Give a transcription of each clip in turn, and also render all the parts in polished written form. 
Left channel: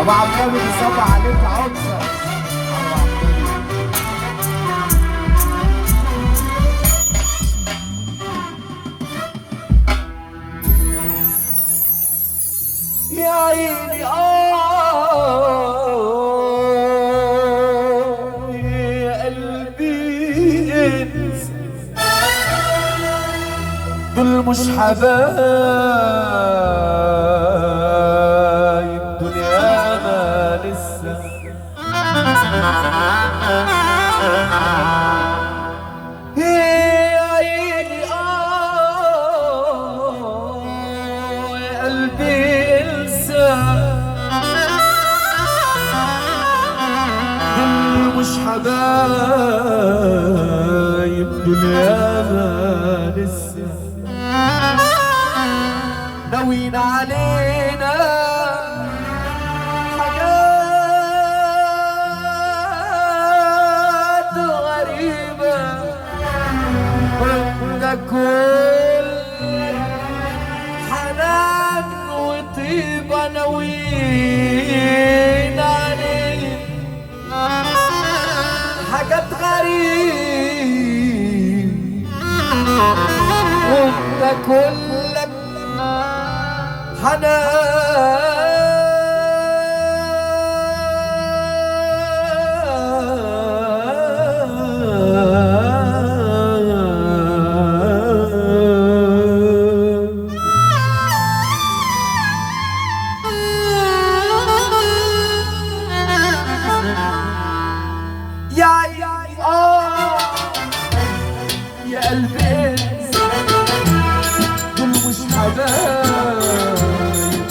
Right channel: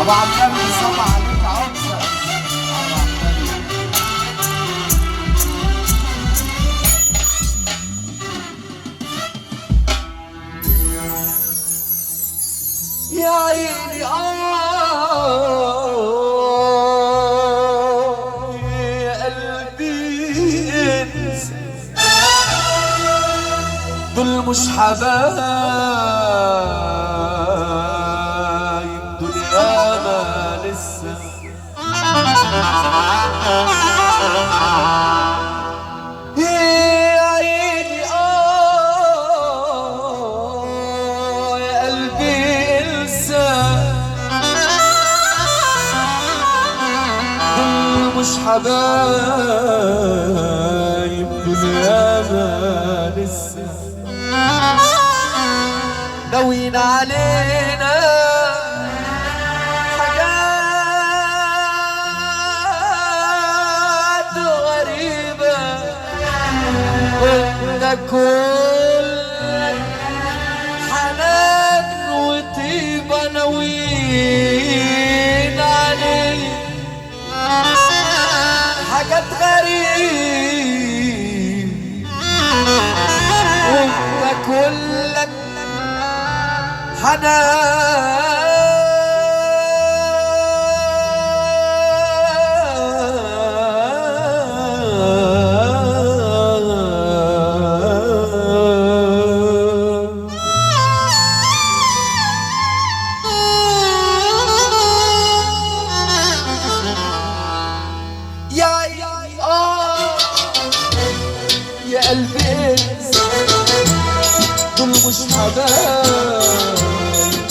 ابو عبد النبي بيصب عليك عطسه. يا عيني يا قلبي دول مش حبايب دنيانا لسه. يا عيني يا قلبي مش حبايب دنيانا لسه. ناويين علينا حاجات غريبة وانت كل حنان وطيبة. ناويين علينا حاجات غريب وانت كلك حنان يا قلبي دول مش حبايب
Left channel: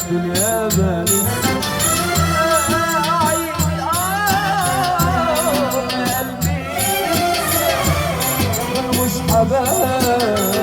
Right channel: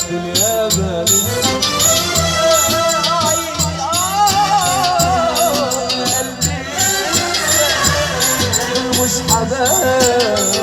دنيانا لسه. يا قلبي دول مش حبايب